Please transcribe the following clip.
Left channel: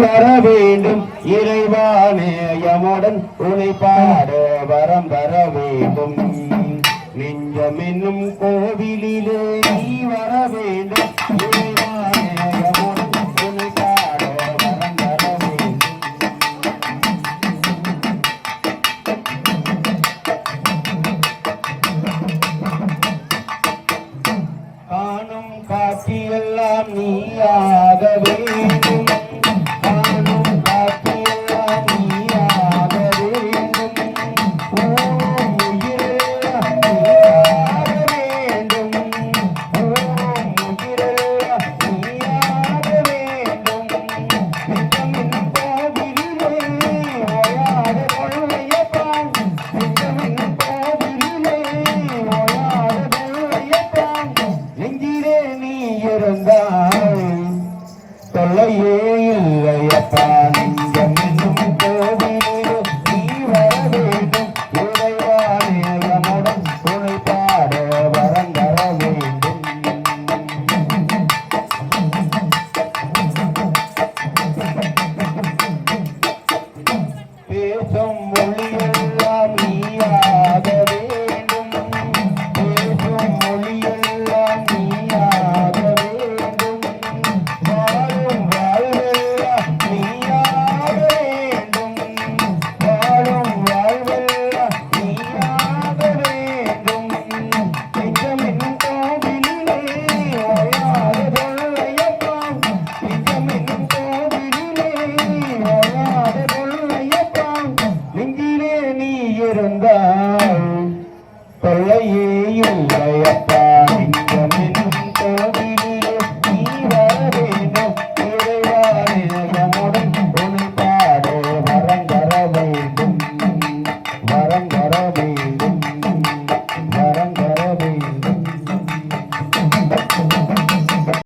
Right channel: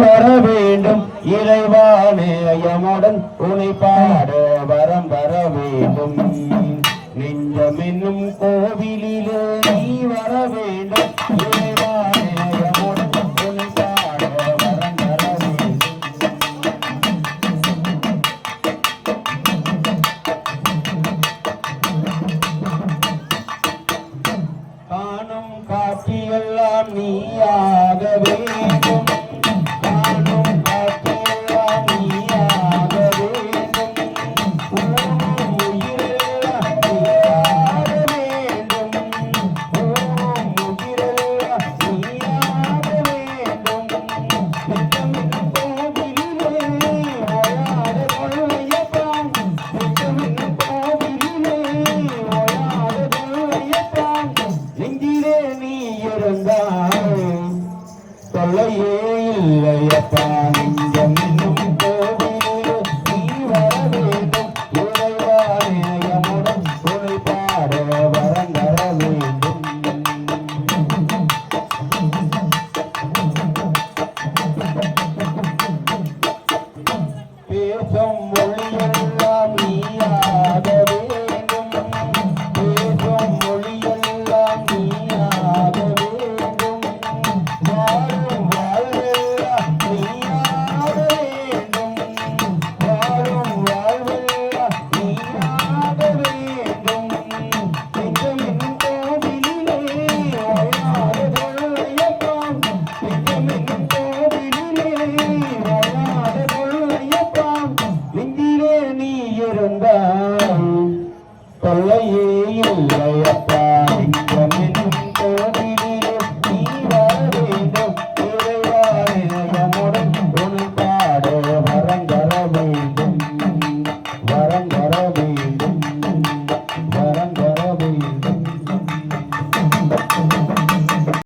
வர வேண்டும் இறைவானே யமுடன் உனை பாட வரம் தர வேண்டும் நெஞ்சம் என்னும் கோவிலிலே நீ வர வேண்டும் இறைவானே யமுடன் உனை பாட வரம் தர வேண்டும் காணும் காட்சியெல்லாம் நீயாக வேண்டும் நெஞ்சிலே நீ இருந்தாய் தொல்லையே இல்லையப்பா